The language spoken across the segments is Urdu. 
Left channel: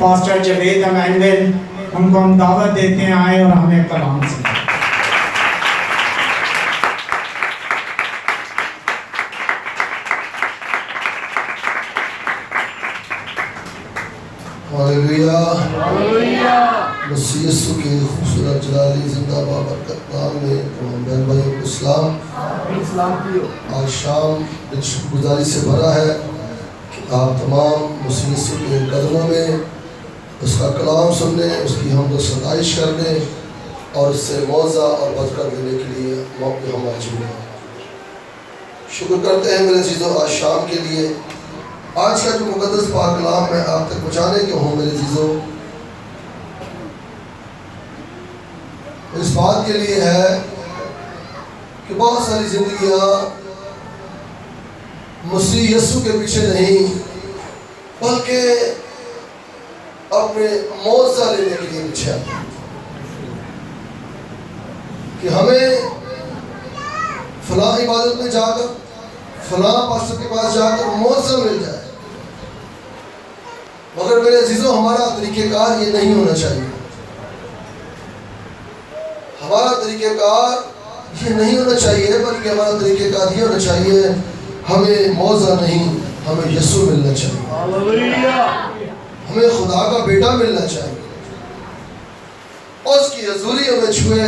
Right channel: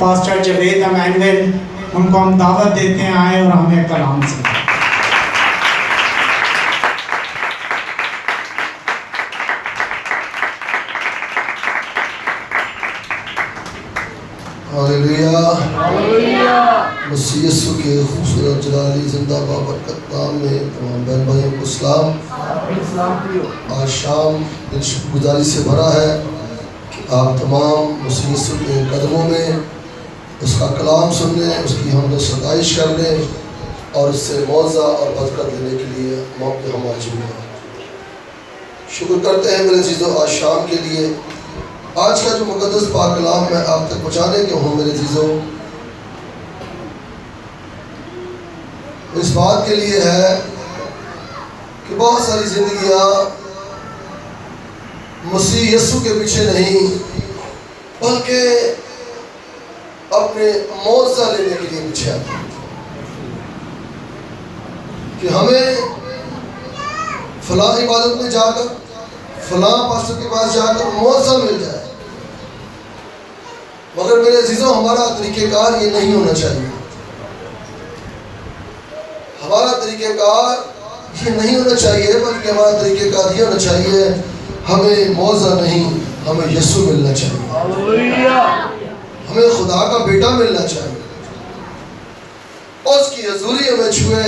پاسٹر جاوید ایمینول، ان کو ہم دعوت دیتے ہیں آئے اور ہمیں کلام سنائیں۔ ہاللیلویہ، مسیح یسوع کے خوبصورت جلالی زندہ بابرکت نام میں تمام بہن بھائیوں کو سلام۔ آج شام دل شکر گزاری سے بھرا ہے کہ آپ تمام مسیح یسوع کے قدموں میں اس کا کلام سننے، اس کی حمد و ستائش کرنے اور اس سے معاوضہ اور برکت لینے کے لیے موقع ہم موجود ہیں۔ شکر کرتے ہیں میرے عزیزو آج شام کے لیے۔ آج کا جو مقدس پاک کلام میں آپ تک پہنچانے کے ہوں میرے عزیزو، اس بات کے لیے ہے کہ بہت ساری زندگیاں مسیح یسوع کے پیچھے نہیں بلکہ اپنے معاوضہ لینے کے لیے پیچھے آتے ہیں کہ ہمیں فلاں عبادت میں جا کر، فلاں پاسٹر کے پاس جا کر معاوضہ مل جائے، مگر میرے عزیزوں ہمارا طریقہ کار یہ نہیں ہونا چاہیے۔ ہمارا طریقہ کار یہ نہیں ہونا چاہیے بلکہ ہمارا طریقہ کار یہ ہونا چاہیے ہمیں معاوضہ نہیں، ہمیں یسوع ملنا چاہیے، ہمیں خدا کا بیٹا ملنا چاہیے، اس کی حضوری ہمیں چھوئے،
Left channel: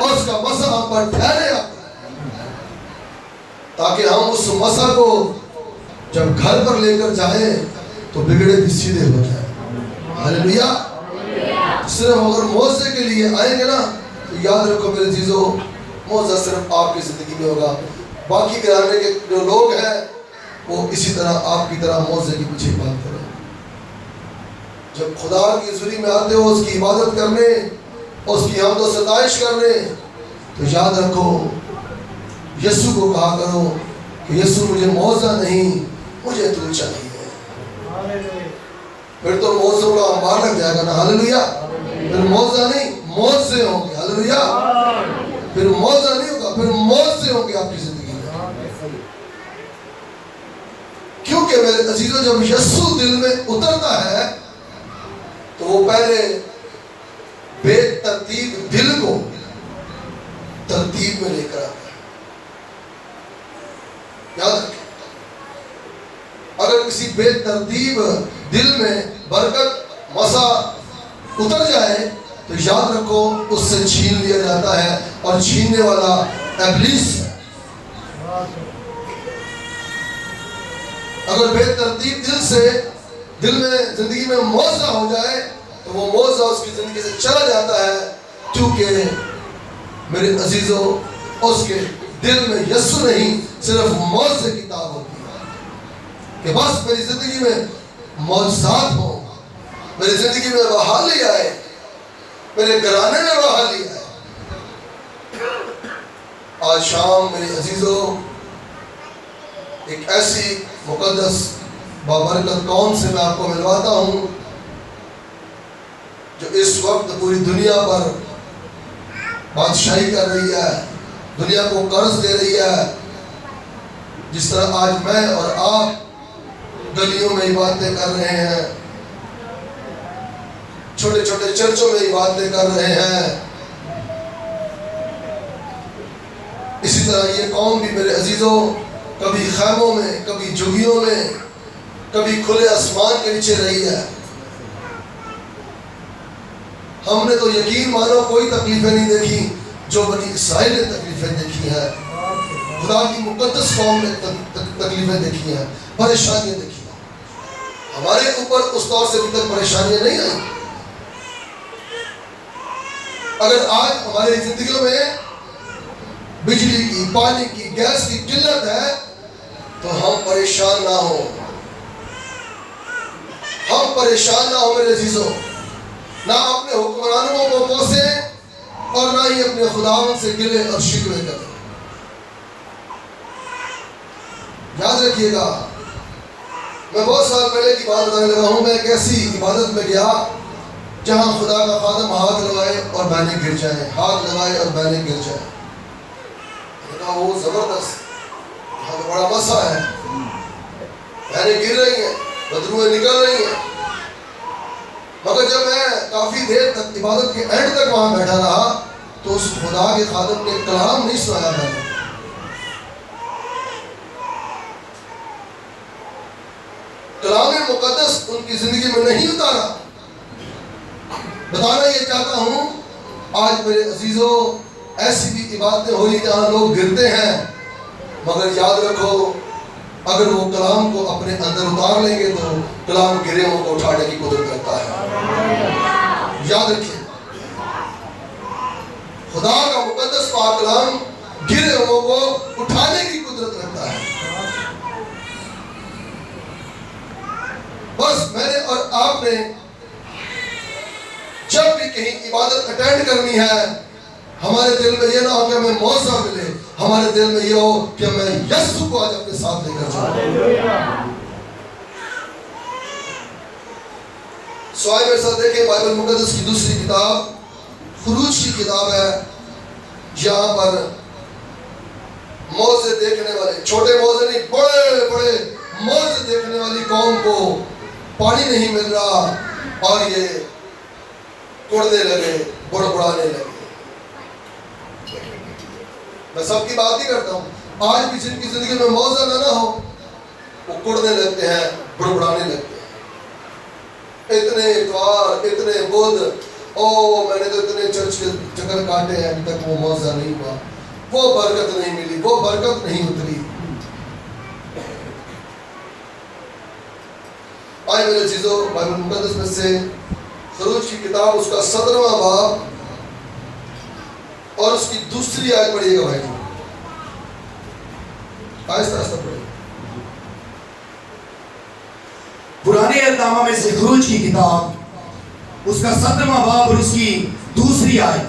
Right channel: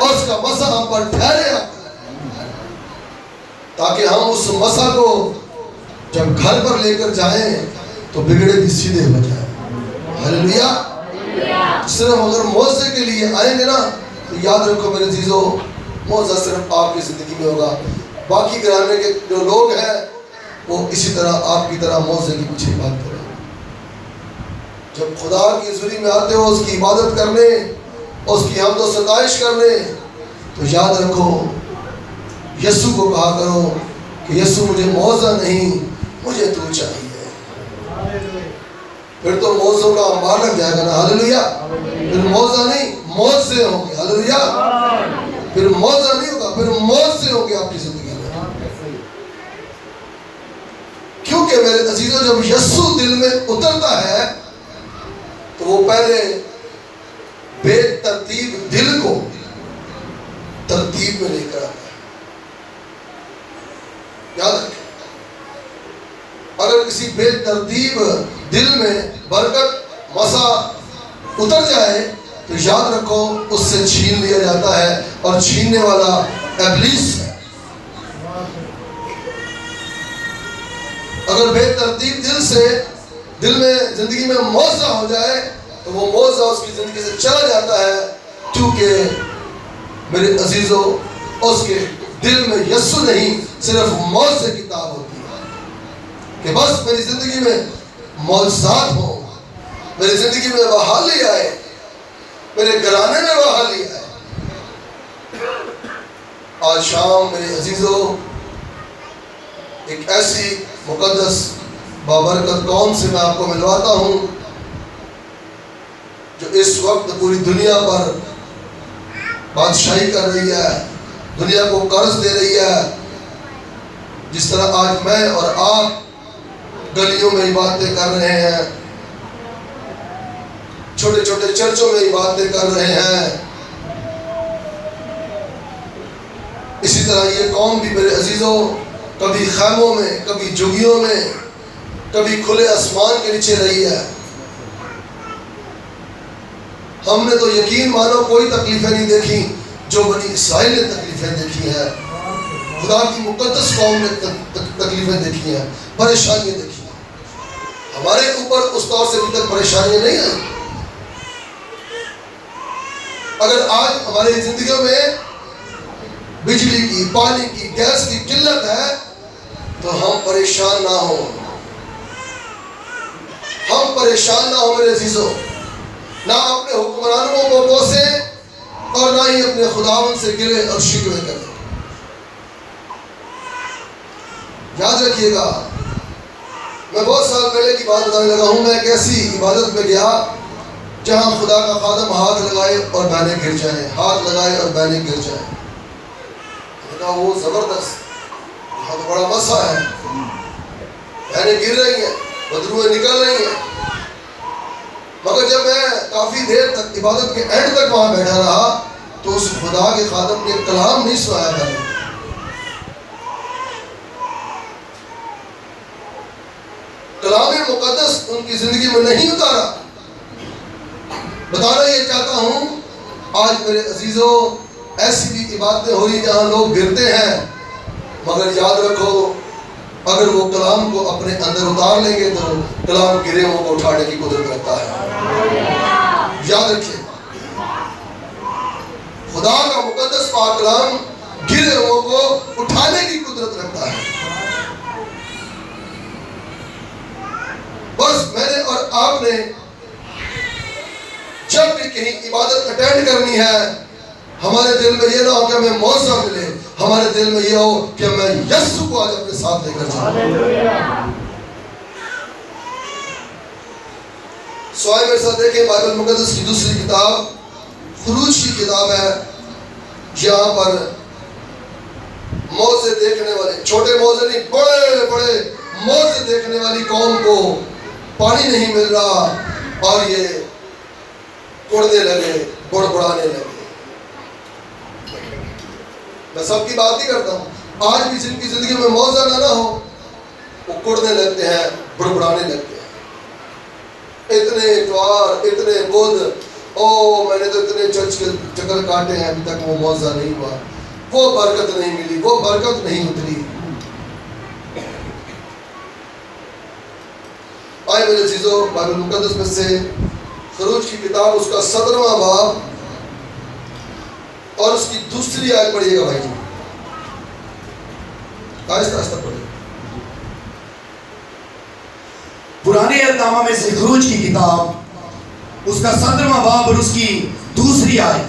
اس کا مسا ہم پر ٹھہرے تاکہ ہم اس مسا کو جب گھر پر لے کر جائیں تو بگڑے بھی سیدھے ہو جائیں۔ ہاللیلویہ۔ صرف اگر معاوضے کے لیے آئیں گے نا تو یاد رکھو میرے عزیزو، معاوضہ صرف آپ کی زندگی میں ہوگا، باقی گھرانے کے جو لوگ ہیں وہ اسی طرح آپ کی طرح معاوضے کے پیچھے بات کریں۔ جب خدا کی حضوری میں آتے ہو اس کی عبادت کرنے، اس کی حمد و ستائش کرنے، تو یاد رکھو یسوع کو کہا کرو کہ یسوع مجھے معاوضہ نہیں، مجھے تو چاہیے۔ پھر تو معاوضوں کا انبار لگ جائے گا نا۔ ہاللیلویہ۔ پھر معاوضہ نہیں، معاوضے ہوں گے۔ ہاللیلویہ۔ پھر معاوضہ نہیں ہوگا، پھر معاوضے ہوں گے آپ کی زندگی میں۔ کیونکہ میرے عزیزوں جب یسوع دل میں اترتا ہے تو وہ پہلے بے ترتیب دل کو ترتیب میں لے کر آتا ہے۔ یاد رکھیں، اگر کسی بے ترتیب دل میں برکت مسا اتر جائے تو یاد رکھو اس سے چھین لیا جاتا ہے، اور چھیننے والا ابلیس ہے۔ اگر بے ترتیب دل میں زندگی میں معاوضہ ہو جائے تو وہ معاوضہ اس کی زندگی سے چلا جاتا ہے، کیونکہ میرے عزیزو اس کے دل میں یسوع نہیں صرف معاوضے کی تاب ہوتی ہے کہ بس میری زندگی میں معجزات ہوں، میری زندگی میں بحالی آئے، میرے گھرانے میں بحالی آئے۔ آج شام میرے عزیزو ایک ایسی مقدس بابرکت قوم سے میں آپ کو ملواتا ہوں جو اس وقت پوری دنیا پر بادشاہی کر رہی ہے، دنیا کو قرض دے رہی ہے۔ جس طرح آج میں اور آپ گلیوں میں عبادتیں کر رہے ہیں، چھوٹے چھوٹے چرچوں میں عبادتیں کر رہے ہیں، اسی طرح یہ قوم بھی میرے عزیزوں کبھی خیموں میں، کبھی جھگیوں میں، کبھی کھلے آسمان کے نیچے رہی ہے۔ ہم نے تو یقین مانو کوئی تکلیفیں نہیں دیکھی جو بنی اسرائیل نے تکلیفیں دیکھی ہیں، خدا کی مقدس قوم نے تکلیفیں دیکھی ہیں، پریشانیاں دیکھی ہیں۔ ہمارے اوپر اس طور سے ابھی تک پریشانیاں نہیں آئی۔ اگر آج ہماری زندگیوں میں بجلی کی، پانی کی، گیس کی قلت ہے تو ہم پریشان نہ ہوں، ہم پریشان نہ ہوں میرے عزیزوں، نہ اپنے حکمرانوں کو کوسیں اور نہ ہی اپنے خداوند سے گلے اور شکوے کریں۔ یاد رکھیے گا، میں بہت سال پہلے کی بات بتانے لگا ہوں، میں ایک ایسی عبادت میں گیا جہاں خدا کا خادم ہاتھ لگائے اور بہنیں گر جائیں، ہاتھ لگائے اور بہنیں گر جائیں۔ وہ زبردست، وہاں تو بڑا مسا ہے، بہنیں گر رہی ہیں، بدروئیں نکل رہی ہیں، مگر جب میں کافی دیر تک عبادت کے اینڈ تک وہاں بیٹھا رہا تو اس خدا کے خادم نے کلام نہیں سنایا تھا. کلام مقدس ان کی زندگی میں نہیں اتارا. بتانا یہ چاہتا ہوں آج میرے عزیزوں ایسی بھی عبادتیں ہو رہی جہاں لوگ گرتے ہیں، مگر یاد رکھو اگر وہ کلام کو اپنے اندر اتار لیں گے تو کلام گرے ہوں کو اٹھانے کی قدرت رکھتا ہے. یاد رکھیے خدا کا مقدس پاک کلام گرے ہوں کو اٹھانے کی قدرت رکھتا ہے. بس میں نے اور آپ نے جب بھی کہیں عبادت اٹینڈ کرنی ہے ہمارے دل میں یہ نہ ہو کہ ہمیں موضوع ملے، ہمارے دل میں یہ ہو کہ میں یسوع کو آج اپنے ساتھ لے کر جاؤں. سوائے میرے ساتھ دیکھیں بائبل مقدس کی دوسری کتاب خروج کی کتاب ہے. یہاں پر موزے دیکھنے والے، چھوٹے موزے نہیں بڑے بڑے موزے دیکھنے والی قوم کو پانی نہیں مل رہا اور یہ کڑنے لگے، بڑبڑانے لگے. میں سب کی بات ہی کرتا ہوں، آج بھی جن کی زندگی میں موزہ نہ ہو وہ کڑنے لگتے ہیں، بڑبڑانے لگتے ہیں. اتنے اتوار، اتنے بدھ، میں نے تو اتنے چرچ کے چکر کاٹے ہیں ابھی تک وہ موزہ نہیں ہوا، وہ برکت نہیں ملی، وہ برکت نہیں اتری. آئے میرے عزیزو بائبل مقدس میں سے خروج کی کتاب اس کا 17واں باب اور اس کی دوسری آیت پڑھیے گا بھائی جی، آہستہ آہستہ پڑھیے. پرانے احکامہ میں سے خروج کی کتاب اس کا 17واں باب اور اس کی دوسری آیت.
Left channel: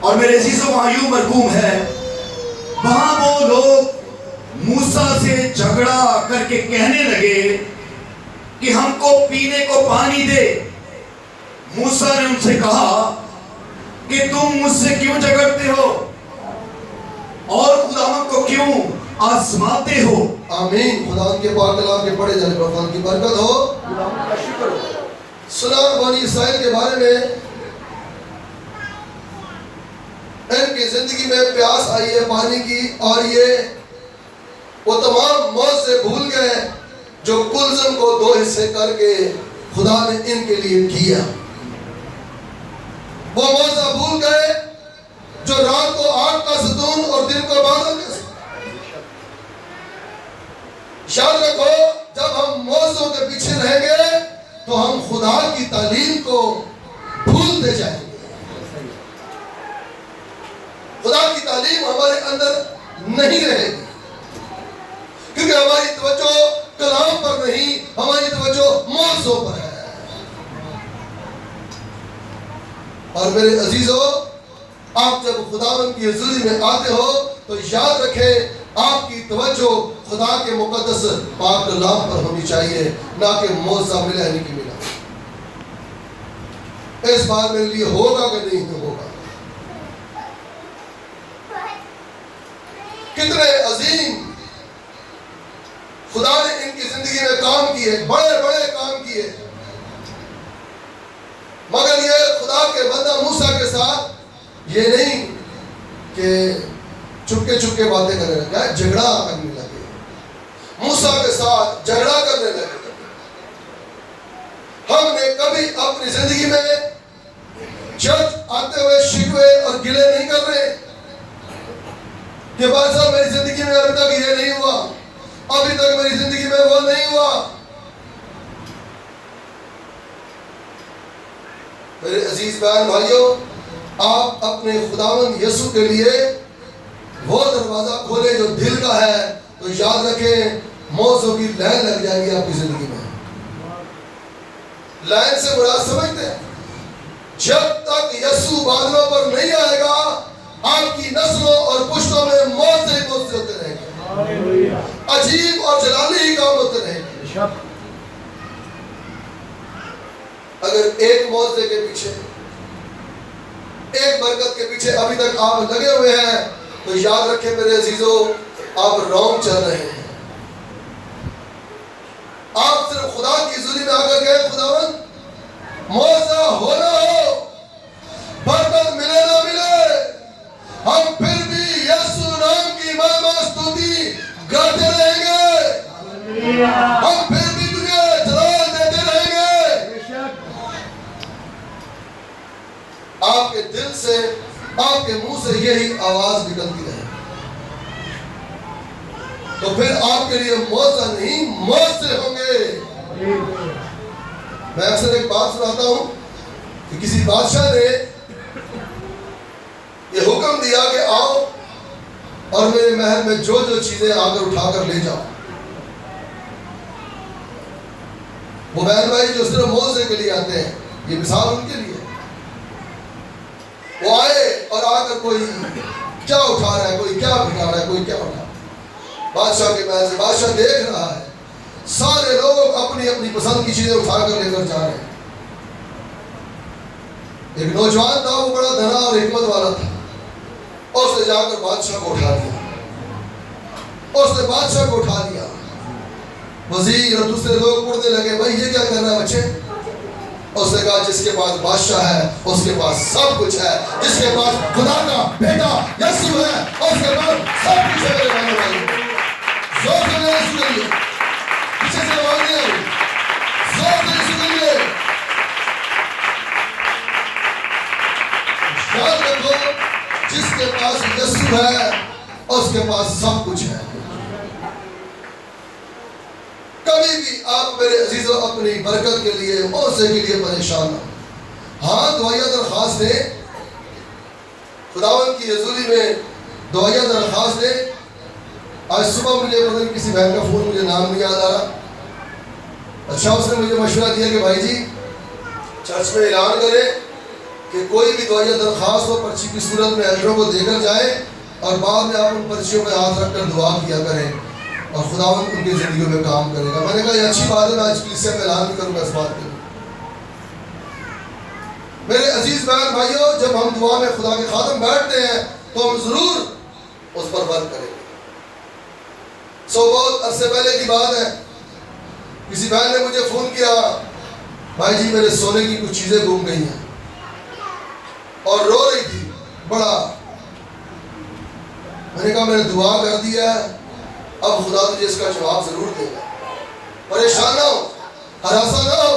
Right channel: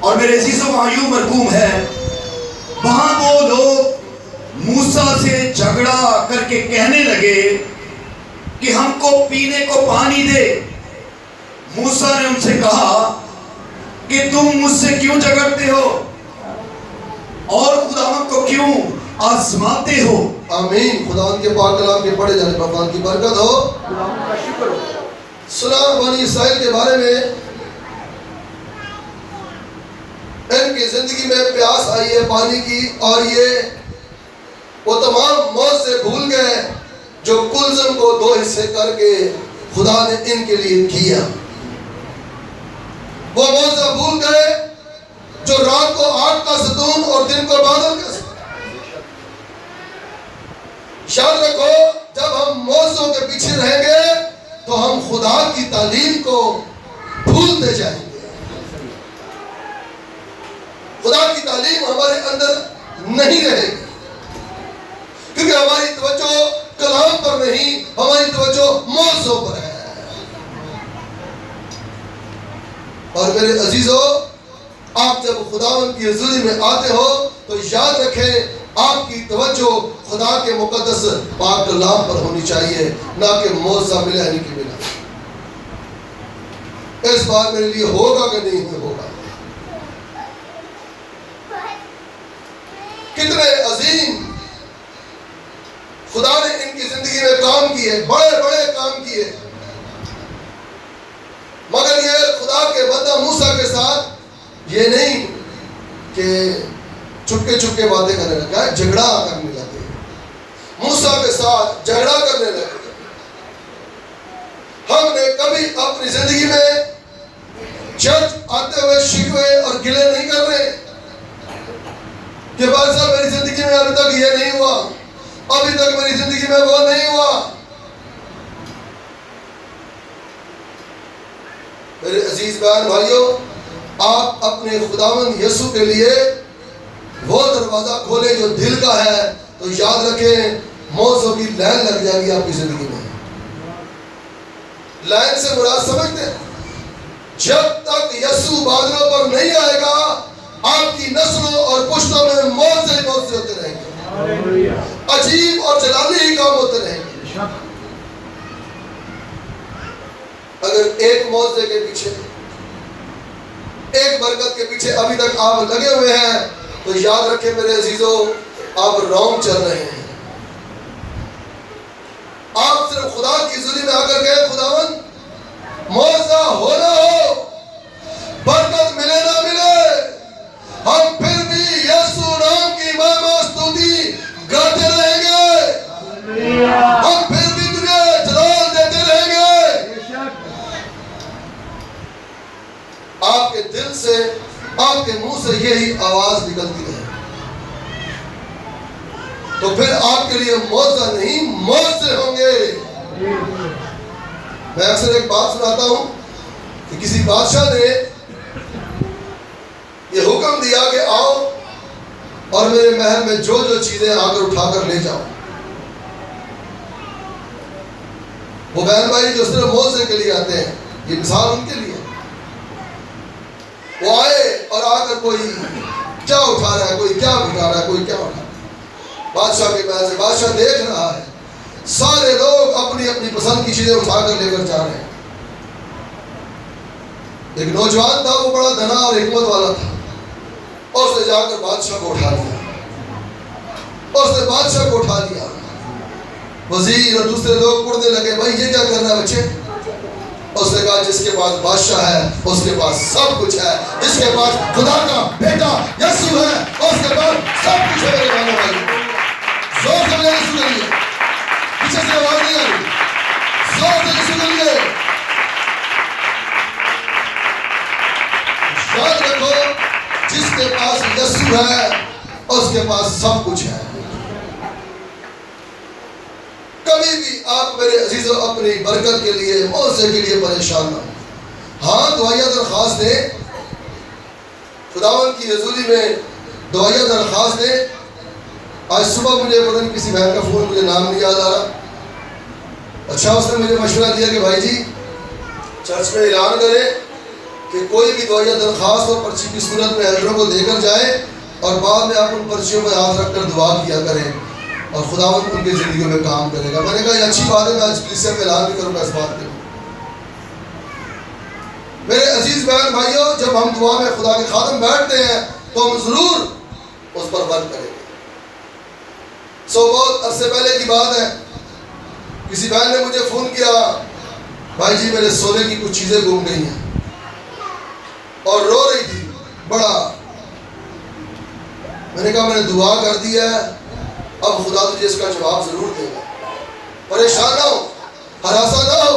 اور میرے عزیزوں وہاں یوں مرقوم ہے، وہاں وہ لوگ موسیٰ سے جھگڑا کر کے کہنے لگے کہ ہم کو پینے کو پانی دے. موسیٰ نے ان سے کہا کہ تم مجھ سے کیوں جھگڑتے ہو اور خداوند کو کیوں آزماتے ہو. آمین. خدا کے پاک کلام کے پڑھے جانے پر خدا کی برکت ہو. سنا بنی اسرائیل کے بارے میں، ان کی زندگی میں پیاس آئی ہے پانی کی، اور یہ وہ تمام موت سے بھول گئے جو کلزم کو 2 حصے کر کے خدا نے ان کے لیے کیا. وہ موضوع بھول گئے جو رات کو آگ کا ستون اور دن کو بادل کا ستون. یاد رکھو جب ہم موضوع کے پیچھے رہیں گے تو ہم خدا کی تعلیم کو بھولتے جائیں گے. خدا کی تعلیم ہمارے اندر نہیں رہے گی کیونکہ ہماری توجہ کلام پر نہیں، ہماری توجہ موضوع پر ہے. اور میرے عزیزو آپ جب خداوند کی حضوری میں آتے ہو تو یاد رکھیں آپ کی توجہ خدا کے مقدس پاک کلام پر ہونی چاہیے، نہ کہ موضوع ملا نہیں کہ ملا. اس بار میرے لیے ہوگا کہ نہیں ہوگا. کتنے عظیم خدا نے ان کی زندگی میں کام کیے، بڑے بڑے کام کیے، مگر یہ خدا کے بندہ موسیٰ کے ساتھ یہ نہیں کہ چپکے چپکے باتیں کرنے لگا، جھگڑا کرنے لگے. موسیٰ کے ساتھ جھگڑا کرنے لگے. ہم نے کبھی اپنی زندگی میں چرچ آتے ہوئے شکوے اور گلے نہیں کر رہے کہ بھائی صاحب میری زندگی میں ابھی تک یہ نہیں ہوا، ابھی تک میری زندگی میں وہ نہیں ہوا. میرے عزیز بہن بھائیوں، آپ اپنے خداوند یسوع کے لیے وہ دروازہ کھولے جو دل کا ہے تو یاد رکھیں موضوع کی لائن لگ جائے گی آپ کی زندگی میں. لائن سے مراد سمجھتے ہیں، جب تک یسوع بادلوں پر نہیں آئے گا آپ کی نسلوں اور پشتوں میں موت سے ہوتے رہیں گے، عجیب اور جلالی ہی کام ہوتے رہیں گے. اگر ایک موضوع کے پیچھے، ایک برکت کے پیچھے ابھی تک آپ لگے ہوئے ہیں تو یاد رکھیں میرے عزیزوں آپ رونگ چل رہے ہیں. آپ صرف خدا کی حضوری میں آ کر گئے خداوند معاوضہ ہو نہ ہو، برکت ملے نہ ملے، ہم پھر بھی یسوع نام کی مہما ستوتی گاتے رہیں گے، ہم پھر بھی تجھے جلال دیتے رہیں گے۔ آپ کے دل سے، آپ کے منہ سے یہی آواز نکلتی رہے تو پھر آپ کے لیے معاوضہ نہیں معاوضے ہوں گے۔ میں اکثر ایک بات سناتا ہوں کہ کسی بادشاہ نے یہ حکم دیا کہ آؤ اور میرے محل میں جو جو چیزیں آ کر اٹھا کر لے جاؤ۔ وہ بہن بھائی جو صرف معاوضے کے لیے آتے ہیں، یہ مثال ان کے لیے، وہ آئے اور آ کر کوئی کیا اٹھا رہا ہے، کوئی کیا اٹھا رہا ہے، کوئی کیا اٹھا رہا ہے۔ بادشاہ کے محل سے بادشاہ دیکھ رہا ہے، سارے لوگ اپنی اپنی پسند کی چیزیں اٹھا کر لے کر جا رہے ہیں۔ ایک نوجوان تھا، وہ بڑا دھنا اور حکمت والا تھا، اور اس نے جا کر بادشاہ کو اٹھا لیا، اور اس نے بادشاہ کو اٹھا لیا۔ وزیر اور دوسرے لوگ پڑھنے لگے، بھائی یہ کیا کر رہا ہے بچے؟ اس نے کہا جس کے پاس بادشاہ ہے اس کے پاس سب کچھ ہے، جس کے پاس خدا کا بیٹا یسوع ہے اس کے پاس سب کچھ ہے۔ میرے بھائی بھائی زور سے میرے سنیے، پیچھے سے آواز نہیں آ رہی، زور سے سنیے۔ یاد رکھو جس کے پاس یسوع ہے اس کے پاس سب کچھ ہے۔ کبھی بھی آپ میرے عزیزوں اپنی برکت کے لیے، معاوضے کے لیے پریشان نہ ہوں۔ ہاں دعائیہ درخواست دیں، خداوند کی حضوری میں دعائیہ درخواست دیں۔ آج صبح مجھے پتہ نہیں کسی بہن کا فون، مجھے نام نہیں یاد آ رہا، اچھا اس نے مجھے مشورہ دیا کہ بھائی جی چرچ میں اعلان کریں کہ کوئی بھی دعائیہ درخواست اور پرچی کی صورت میں ایلڈروں کو دے کر جائیں، اور بعد میں آپ ان پرچیوں میں ہاتھ رکھ کر دعا کیا کریں، اور خداوند ان کی زندگیوں میں کام کرے گا۔ میں نے کہا یہ اچھی بات ہے، میں آج کلیسیا میں اعلان بھی کروں گا اس بات کے۔ میرے عزیز بہن بھائیوں، جب ہم دعا میں خدا کے خادم بیٹھتے ہیں تو ہم ضرور اس پر ورک کریں گے۔ بہت عرصے پہلے کی بات ہے، کسی بہن نے مجھے فون کیا، بھائی جی میرے سونے کی کچھ چیزیں گم گئی ہیں، اور رو رہی تھی بڑا۔ میں نے کہا میں نے دعا کر دیا ہے، اب خدا تجھے اس کا جواب ضرور دے گا، پریشان نہ ہو، ہراساں نہ ہو،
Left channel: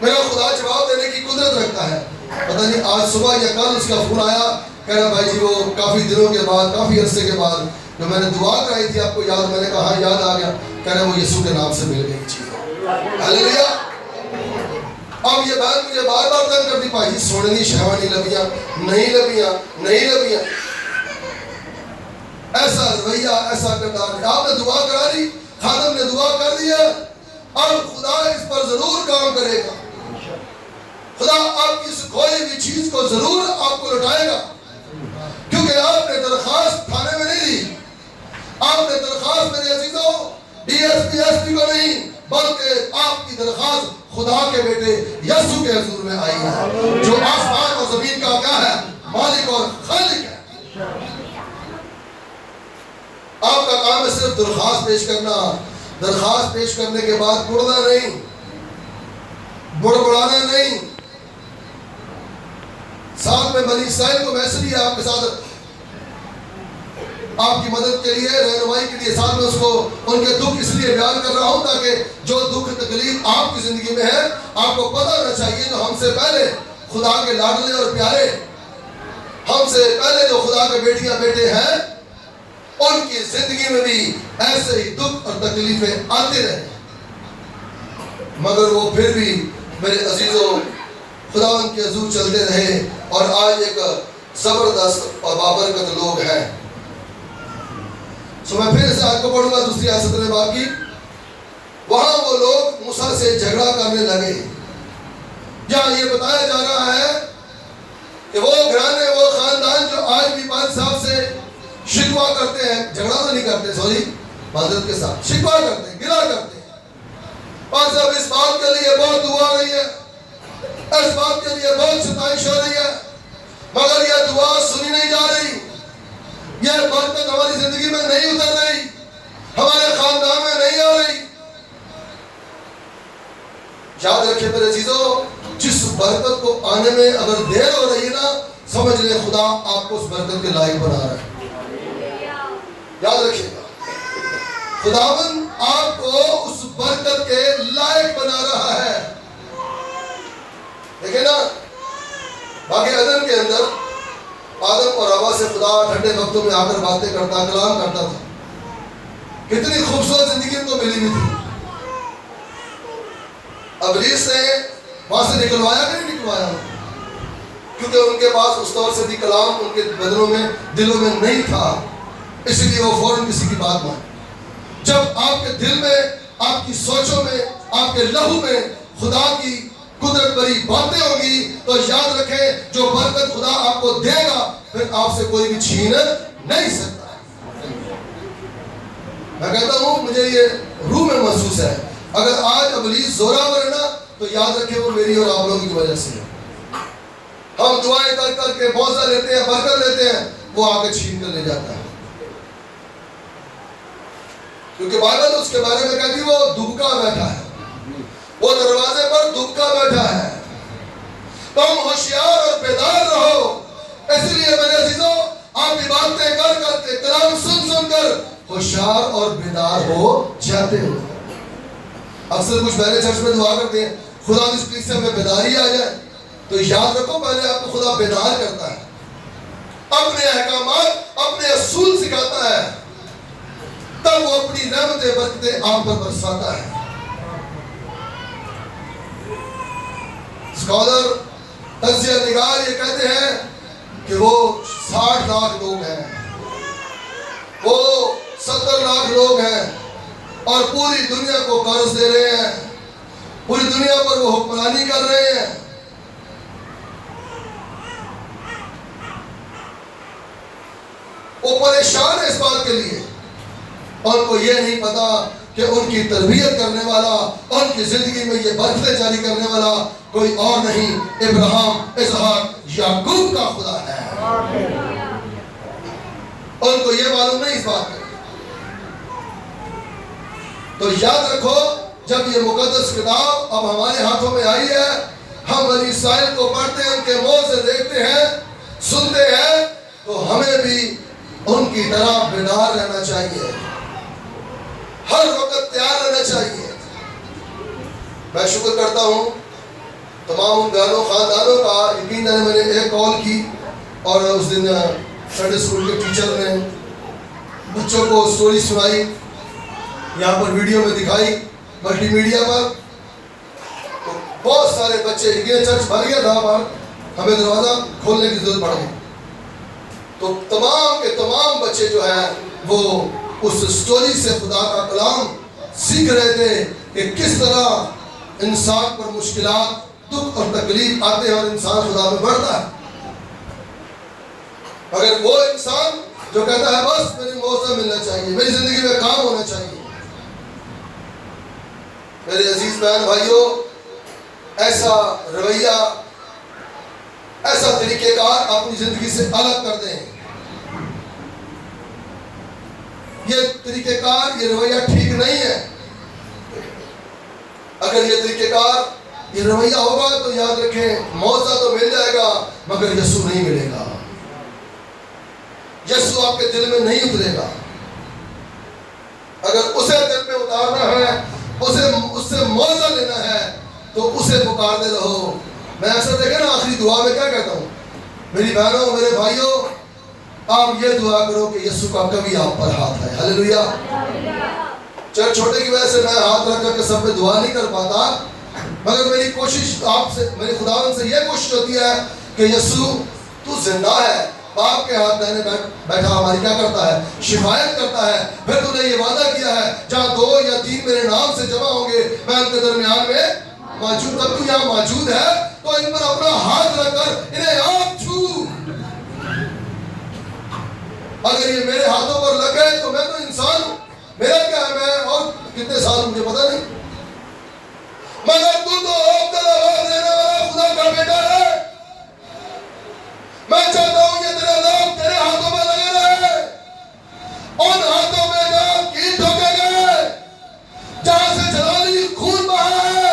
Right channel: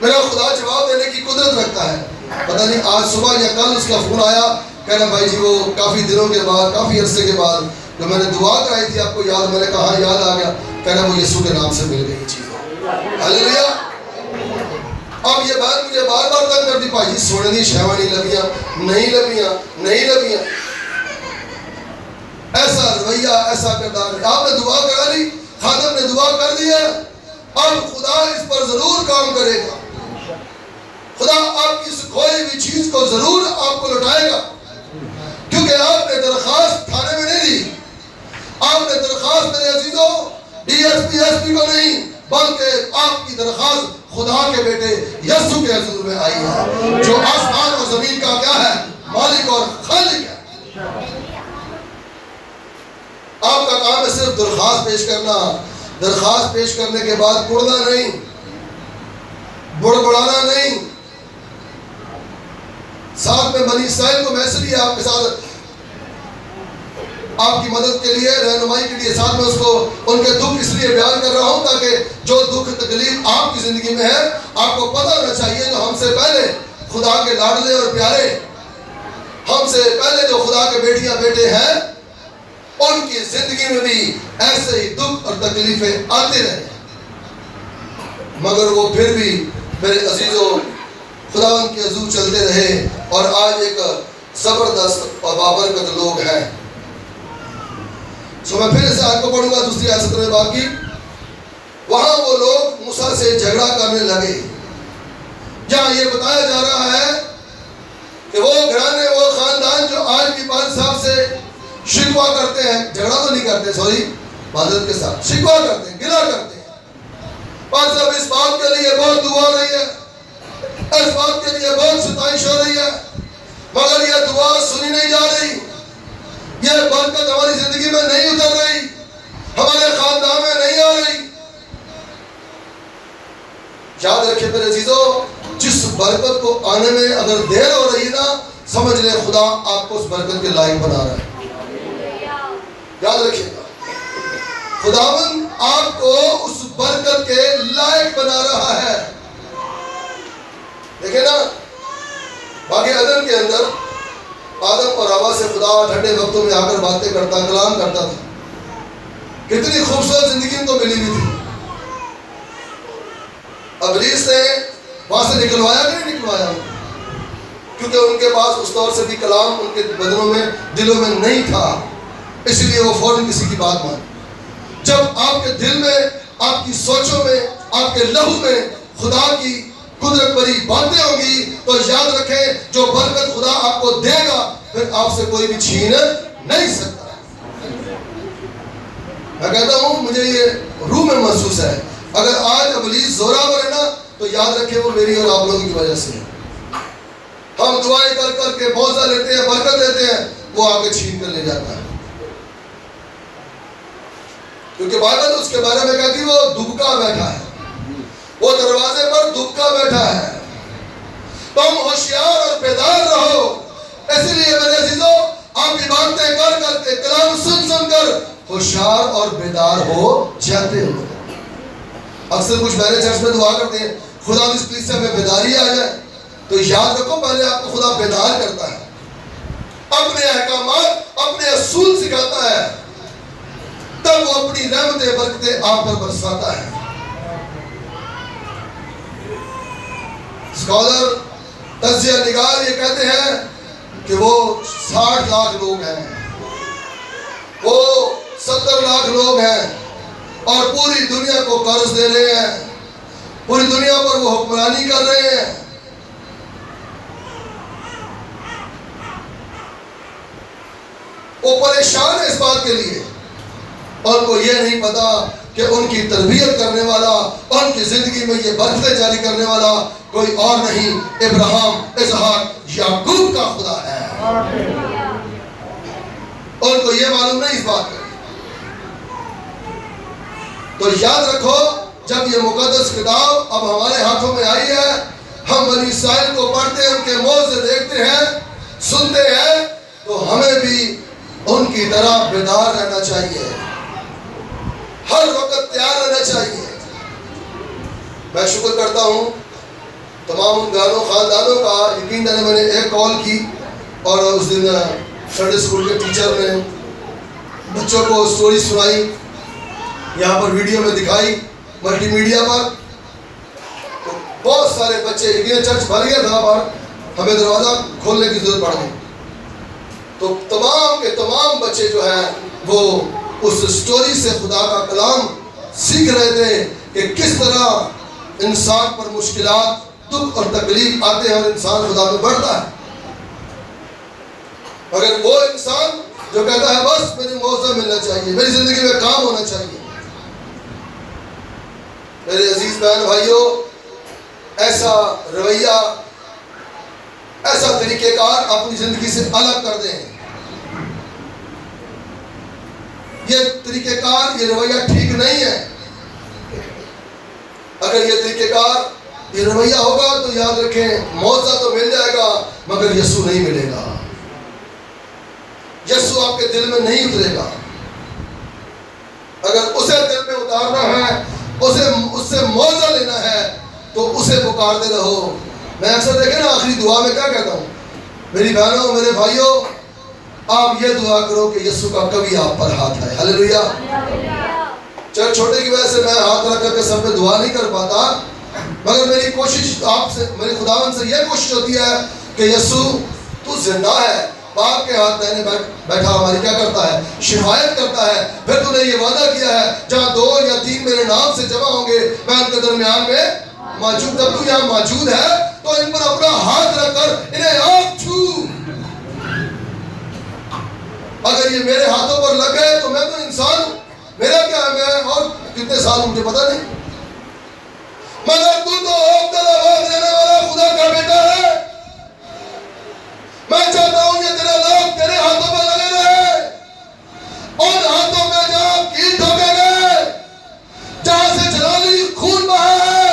میرا خدا جواب دینے کی قدرت رکھتا ہے۔ پتہ نہیں آج صبح یا کل اس کا فون آیا، کہہ رہا بھائی جی وہ کافی دنوں کے بعد، کافی عرصے کے بعد جو میں نے دعا کرائی تھی آپ کو یاد؟ میں نے کہا ہاں یاد آ گیا، کہہ رہا وہ یسوع کے نام سے مل گئی چیزیں۔ ہلیلویا۔ اب یہ بات مجھے بار بار تنگ کرتی، بھائی جی سونے نہیں شہوہ نہیں لگیاں، نہیں لگیاں، نہیں لگیاں، ایسا رویہ، ایسا کردار۔ آپ نے دعا کرا لی، خادم نے دعا کر دیا، اب خدا اس پر ضرور کام کرے گا۔ خدا آپ کی اس کھوئی ہوئی چیز کو ضرور آپ کو لوٹائے گا، کیونکہ آپ نے درخواست تھانے میں نہیں دی، آپ نے درخواست میرے عزیزوں ڈی ایس پی کو نہیں، بلکہ آپ کی درخواست خدا کے بیٹے یسوع کے حضور میں آئی ہے، جو آسمان اور زمین کا کیا ہے؟ مالک اور خالق ہے۔ آپ کا کام ہے صرف درخواست پیش کرنا، درخواست پیش کرنے کے بعد کڑنا نہیں، بڑبڑانا نہیں۔ ساتھ میں بنی اسرائیل کو میں اس لیے آپ کے ساتھ آپ کی مدد کے لیے، رہنمائی کے لیے ساتھ میں اس کو ان کے دکھ اس لیے بیان کر رہا ہوں تاکہ جو دکھ تکلیف آپ کی زندگی میں ہے آپ کو پتہ ہونا چاہیے، جو ہم سے پہلے خدا کے لاڈلے اور پیارے، ہم سے پہلے جو خدا کے بیٹیاں بیٹے ہیں، ان کی زندگی میں بھی ایسے ہی دکھ اور تکلیفیں آتے رہے، مگر وہ پھر بھی میرے عزیزوں خدا ان کے حضور چلتے رہے، اور آج ایک زبردست اور بابرکت لوگ ہیں۔ میں پھر اس آیت کو پڑھوں گا، دوسری آیت 17 باب کی۔ وہاں وہ لوگ موسیٰ سے جھگڑا کرنے لگے، جہاں یہ بتایا جا رہا ہے کہ وہ گھرانے، وہ خاندان جو آج بھی بادشاہ صاحب سے شکوہ کرتے ہیں، جھگڑا تو نہیں کرتے، سوری معذرت کے ساتھ شکوہ کرتے ہیں، گلہ کرتے ہیں، بادشاہ صاحب اس بات کے لیے بہت دعا رہی ہے، اس بات کے لیے بہت ستائش ہو رہی ہے، مگر یہ دعا سنی نہیں جا رہی، یہ برکت ہماری زندگی میں نہیں اتر رہی، ہمارے خاندان میں نہیں آ رہی۔ یاد رکھیں میرے عزیزو، جس برکت کو آنے میں اگر دیر ہو رہی ہے نا، سمجھ لیں خدا آپ کو اس برکت کے لائق بنا رہا ہے. یاد رکھیے گا، خداوند آپ کو اس برکت کے لائق بنا رہا ہے. دیکھیں نا، باقی عدن کے اندر آدم اور حوا سے خدا ٹھنڈے وقتوں میں آ کر باتیں کرتا، کلام کرتا تھا. کتنی خوبصورت زندگی ان کو ملی ہوئی تھی. ابلیس نے وہاں سے نکلوایا کہ نہیں نکلوایا؟ کیونکہ ان کے پاس اس طور سے بھی کلام ان کے بدنوں میں، دلوں میں نہیں تھا، اس لیے وہ فوراً کسی کی بات مان. جب آپ کے دل میں، آپ کی سوچوں میں، آپ کے لہو میں خدا کی قدرت بری باتیں ہوں گی تو یاد رکھیں جو برکت خدا آپ کو دے گا پھر آپ سے کوئی بھی چھین نہیں سکتا. میں کہتا ہوں مجھے یہ روح میں محسوس ہے، اگر آج ابلیس زوراور ہے نا تو یاد رکھیں وہ میری اور آپ لوگوں کی وجہ سے ہے. ہم دعائیں کر کر کے موضع لیتے ہیں، برکت لیتے ہیں، وہ آ کے چھین کر لے جاتا ہے. کیونکہ بائبل اس کے بارے میں کہتی وہ دبکا بیٹھا ہے، وہ دروازے پر دبکا بیٹھا ہے. تم ہوشیار اور بیدار رہو. اس لیے میرے عزیزو، آپ عبادتیں کر کر کے، کلام سن سن کر ہوشیار اور بیدار ہو جاتے ہو. اکثر کچھ پہلے چرچ میں دعا کرتے ہیں خدا اس کلیسیا میں بیداری آ جائے، تو یاد رکھو پہلے آپ کو خدا بیدار کرتا ہے، اپنے احکامات، اپنے اصول سکھاتا ہے، تب وہ اپنی رحمتیں برکتیں آپ پر برساتا ہے. اسکالر، تجزیہ نگار یہ کہتے ہیں کہ وہ 60 لاکھ لوگ ہیں، وہ 70 لاکھ لوگ ہیں اور پوری دنیا کو قرض دے رہے ہیں، پوری دنیا پر وہ حکمرانی کر رہے ہیں. وہ پریشان ہے اس بات کے لیے، اور ان کو یہ نہیں پتا کہ ان کی تربیت کرنے والا، ان کی زندگی میں یہ برکتیں جاری کرنے والا کوئی اور نہیں، ابراہیم، اسحاق، یعقوب کا خدا ہے. ان کو یہ معلوم نہیں اس بات کا. تو یاد رکھو جب یہ مقدس کتاب اب ہمارے ہاتھوں میں آئی ہے، ہم بنی اسرائیل کو پڑھتے ہیں، ان کے منہ سے دیکھتے ہیں، سنتے ہیں، تو ہمیں بھی ان کی طرح بیدار رہنا چاہیے، ہر وقت تیار رہنا چاہیے. میں شکر کرتا ہوں تمام ان گھروں خاندانوں کا. یقین جانے میں نے ایک کال کی اور اس دن سنڈے اسکول کے ٹیچر نے بچوں کو سٹوری سنائی، یہاں پر ویڈیو میں دکھائی ملٹی میڈیا پر. تو بہت سارے بچے، یہ چرچ بھر گیا تھا پر ہمیں دروازہ کھولنے کی ضرورت پڑ گئی. تو تمام کے تمام بچے جو ہیں وہ اس سٹوری سے خدا کا کلام سیکھ رہے تھے کہ کس طرح انسان پر مشکلات، دکھ اور تکلیف آتے ہیں اور انسان خدا میں بڑھتا ہے. مگر وہ انسان جو کہتا ہے بس میری موضوع ملنا چاہیے، میری زندگی میں کام ہونا چاہیے. میرے عزیز بہن بھائیوں، ایسا رویہ، ایسا طریقہ کار اپنی زندگی سے الگ کر دیں. یہ طریقہ کار، یہ رویہ ٹھیک نہیں ہے. اگر یہ طریقہ کار، یہ رویہ ہوگا تو یاد رکھیں موضوع تو مل جائے گا مگر یسوع نہیں ملے گا. یسوع آپ کے دل میں نہیں اترے گا. اگر اسے دل میں اتارنا ہے، اس سے موضوع لینا ہے تو اسے پکارتے رہو. میں اکثر دیکھیں نا آخری دعا میں کیا کہتا ہوں، میری بہنوں، میرے بھائیوں، آپ یہ دعا کرو کہ یسوع کا کبھی آپ پر ہاتھ ہے. ہلیلویا. چل چھوٹے کی وجہ سے میں ہاتھ رکھ کر کے سب پہ دعا نہیں کر پاتا، مگر میری کوشش آپ سے، میرے خداوند سے یہ کوشش ہوتی ہے کہ یسوع تو زندہ ہے، باپ کے ہاتھ دہنے بیٹھا ہماری کیا کرتا ہے؟ شفایت کرتا ہے. پھر تو نے یہ وعدہ کیا ہے جہاں 2 یا 3 میرے نام سے جمع ہوں گے میں ان کے درمیان میں موجود. جب تو یہاں موجود ہے تو ان پر اپنا ہاتھ رکھ کر انہیں آپ چھو. اگر یہ میرے ہاتھوں پر لگ گئے تو میں تو انسان ہوں، میرا کیا ہے، میں اور کتنے سال مجھے پتا نہیں، مگر تو آواز دینے والا خدا کا بیٹا ہے. میں چاہتا ہوں کہ تیرا نام تیرے ہاتھوں میں لگے رہے، ان ہاتھوں میں جہاں کیل ٹھوکے گئے، جہاں سے جلالی خون بہا ہے،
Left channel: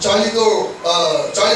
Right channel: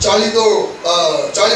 40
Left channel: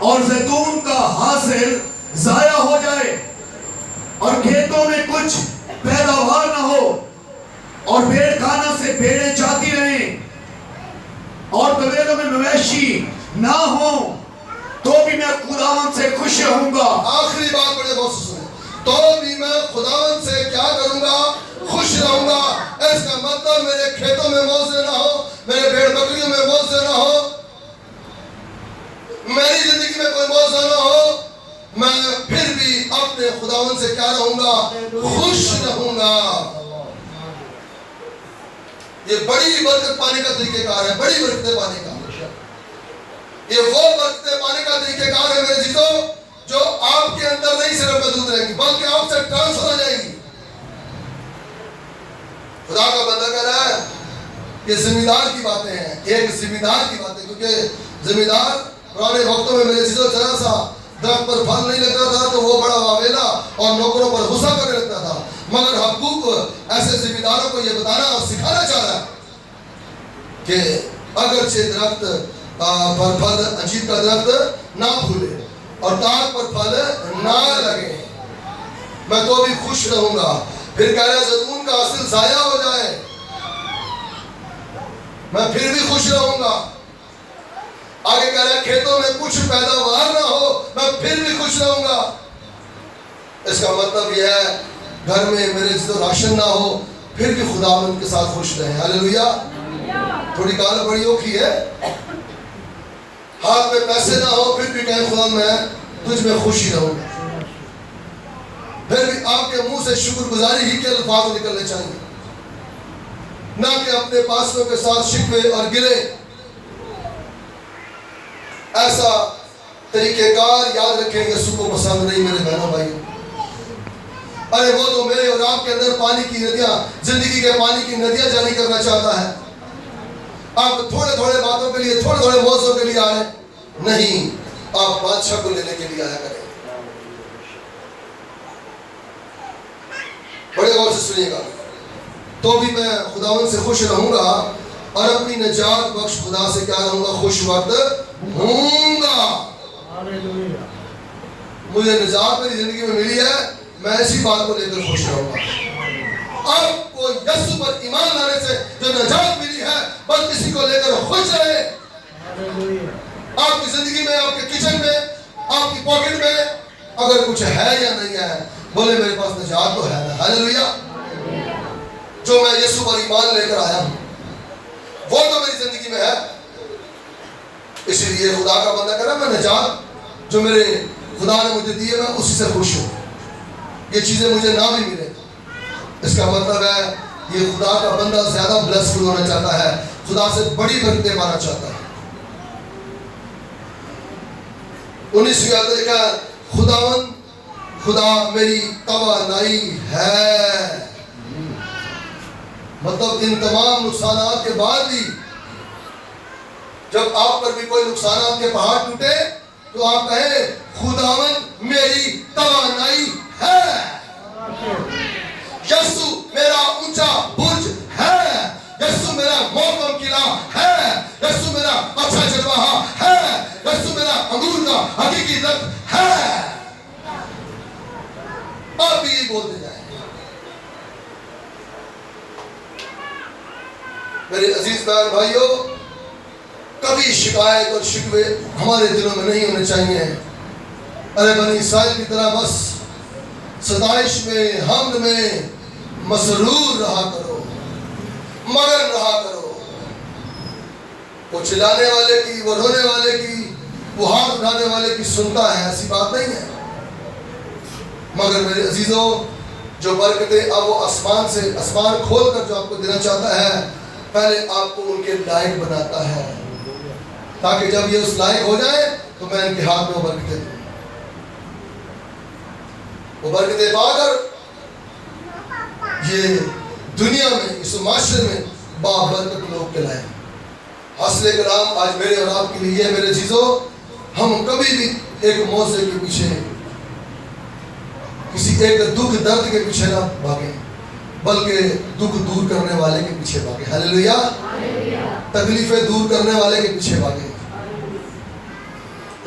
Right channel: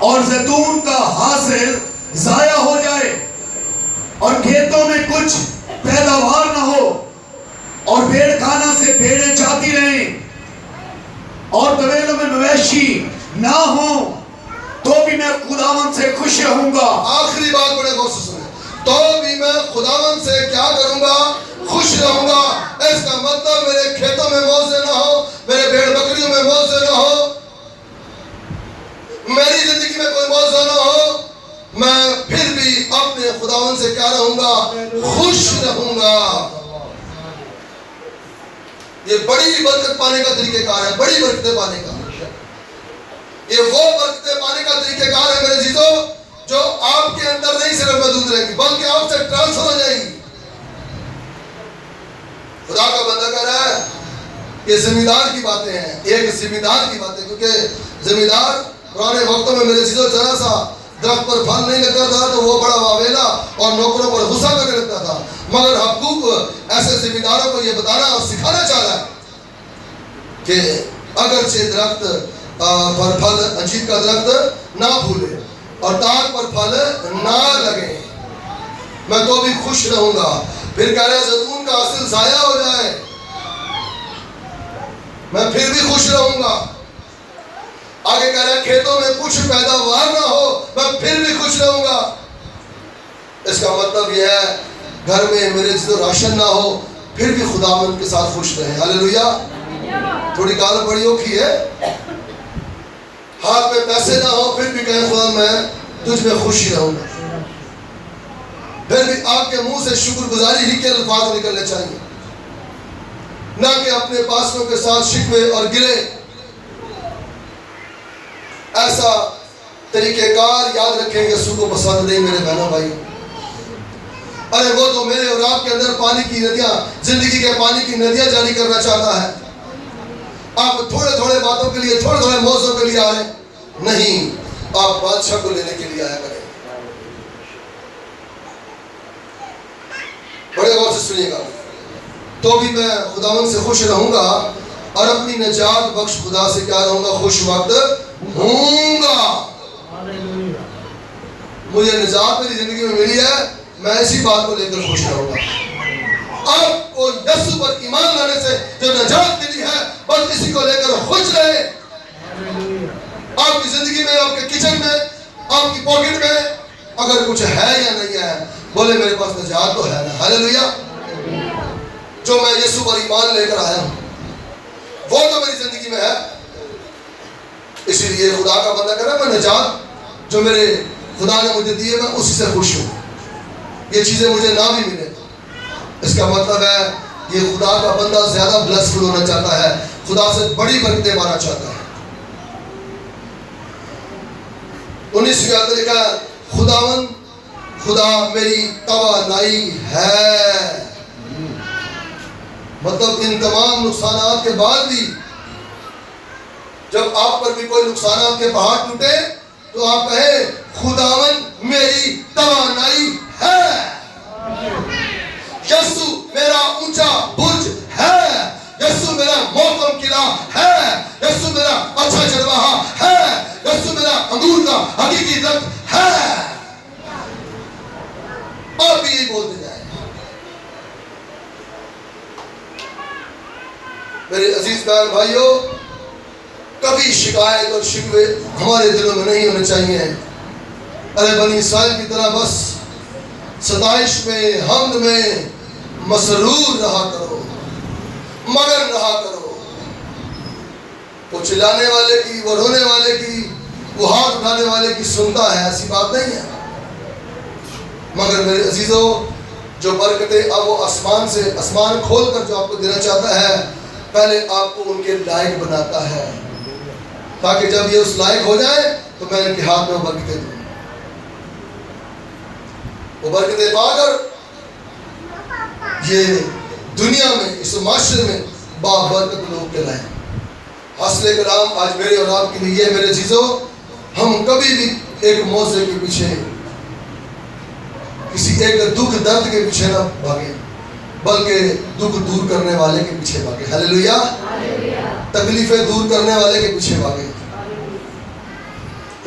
اور زیتون کا حاصل ضائع ہو جائے اور کھیتوں میں کچھ پیداوار نہ ہو اور بھیڑ خانہ سے بھیڑیں جاتی رہیں اور طویلوں میں مویشی نہ ہوں تو بھی میں خداوند سے خوش رہوں گا. آخری بات بڑے غور سے سنیں. تو بھی میں خداوند سے کیا کروں گا؟ خوش رہوں گا. اس کا مطلب میرے کھیتوں میں موزے نہ ہو, میرے بھیڑ بکریوں میں موزے نہ ہو, میری زندگی میں کوئی موزہ نہ ہو, میں پھر بھی اپنے خداوند سے کیا رہوں گا؟ خوش رہوں گا. یہ بڑی برکت پانے کا طریقہ کار ہے, بڑی برکتیں پانے کا. یہ وہ برکتیں پانے کا طریقہ کار ہے میرے عزیزو, جو آپ کے اندر نہیں صرف موجود رہیں گی بلکہ آپ سے ٹرانسفر ہو جائیں گی. خدا کا بندہ کہہ رہا ہے کہ زمیندار کی باتیں ہیں, ایک زمیندار کی باتیں, کیونکہ زمیندار پرانے وقتوں میں میرے عزیزو ذرا سا درخت پر پھل نہیں لگتا تھا تو وہ بڑا واویلا اور نوکروں پر غصہ کرنے لگتا تھا. مگر حقوق ایسے زمینداروں کو یہ بتانا اور سکھانا چاہ رہا ہے کہ اگرچہ درخت پر پھل, انجیر کا درخت نہ پھولے اور تاک پر پھل نہ لگے, میں تو بھی خوش رہوں گا. پھر کہہ رہے زیتون کا حاصل ضائع ہو جائے, میں پھر بھی خوش رہوں گا. آگے کہہ رہے کھیتوں میں کچھ پیداوار نہ ہو, میں پھر بھی خوش رہوں گا. اس کا مطلب یہ ہے گھر میں میرے راشن نہ ہو پھر بھی خداوند کے ساتھ خوش رہیں. ہاللیلویا. تھوڑی گال بڑی اوکھی ہے, ہاتھ میں پیسے نہ ہو پھر بھی کہیں خدا میں تجھ میں خوشی رہوں گا. پھر بھی آپ کے منہ سے شکر گزاری ہی کے الفاظ نکلنے چاہیے, نہ کہ اپنے پاسوں کے ساتھ شکوے اور گلے. ایسا طریقہ کار یاد رکھیں یسوع کو پسند نہیں میرے بہنوں بھائی. ارے وہ تو میرے اور آپ کے اندر پانی کی ندیاں, زندگی کے پانی کی ندیاں جاری کرنا چاہتا ہے. آپ تھوڑے تھوڑے باتوں کے لیے, تھوڑے تھوڑے موضوع کے لیے آئے نہیں, آپ بادشاہ کو لینے کے لیے آیا کریں. بڑے غور سے سنیے گا. تو بھی میں خداوند سے خوش رہوں گا اور اپنی نجات بخش خدا سے کیا رہوں گا؟ خوش وقت ہوں گا. مجھے نجات میری زندگی میں ملی ہے, میں اسی بات کو لے کر خوش رہوں گا. آپ کو یسوع پر ایمان لانے سے جو نجات ملی ہے بس اسی کو لے کر خوش رہے. آپ کی زندگی میں, آپ کے کچن میں, آپ کی پاکٹ میں اگر کچھ ہے یا نہیں ہے, بولے میرے پاس نجات تو ہے نا. ہاللیلویا. جو میں یسوع پر ایمان لے کر آیا ہوں وہ تو میری زندگی میں ہے. اسی لیے خدا کا بندہ کہہ رہا ہے میں نجات جو میرے خدا نے مجھے دی ہے میں اسی سے خوش ہوں. یہ چیزیں مجھے نہ بھی ملے, اس کا مطلب ہے یہ خدا کا بندہ زیادہ بلیسڈ ہونا چاہتا ہے, خدا سے بڑی برکتیں پانا چاہتا ہے. 19ویں آیت میں لکھا ہے خداوند خدا میری توانائی ہے. مطلب ان تمام نقصانات کے بعد بھی جب آپ پر بھی کوئی نقصانات کے پہاڑ ٹوٹے تو آپ کہیں خداوند میری توانائی ہے. یسوع میرا اونچا برج ہے, یسوع میرا محکم قلعہ ہے, یسوع میرا اچھا چرواہا ہے, یسوع میرا انگور کا حقیقی درخت ہے. آپ بھی یہی بولتے جائیں. میرے عزیز بہن بھائیوں, کبھی شکایت اور شکوے ہمارے دلوں میں نہیں ہونے چاہیے. ارے بنی اسرائیل کی طرح بس ستائش میں, حمد میں مسرور رہا کرو, مگن رہا کرو. وہ چلانے والے کی, وہ رونے والے کی, وہ ہاتھ اٹھانے والے کی سنتا ہے, ایسی بات نہیں ہے. مگر میرے عزیزوں جو برکتیں اب وہ آسمان کھول کر جو آپ کو دینا چاہتا ہے پہلے آپ کو ان کے لائق بناتا ہے تاکہ جب یہ اس لائق ہو جائے تو میں ان کے ہاتھ میں برکتیں دوں. وہ برکتیں پا کر یہ دنیا میں, اس معاشرے میں بابرکت لوگ کہلائیں. حاصل کلام آج میرے اور آپ کے لیے یہ میرے عزیزوں, ہم کبھی بھی ایک موضوع کے پیچھے, کسی ایک دکھ درد کے پیچھے نہ بھاگیں بلکہ دکھ دور کرنے والے کے پیچھے بھاگیں. ہاللیلویا. تکلیفیں دور کرنے والے کے پیچھے بھاگیں.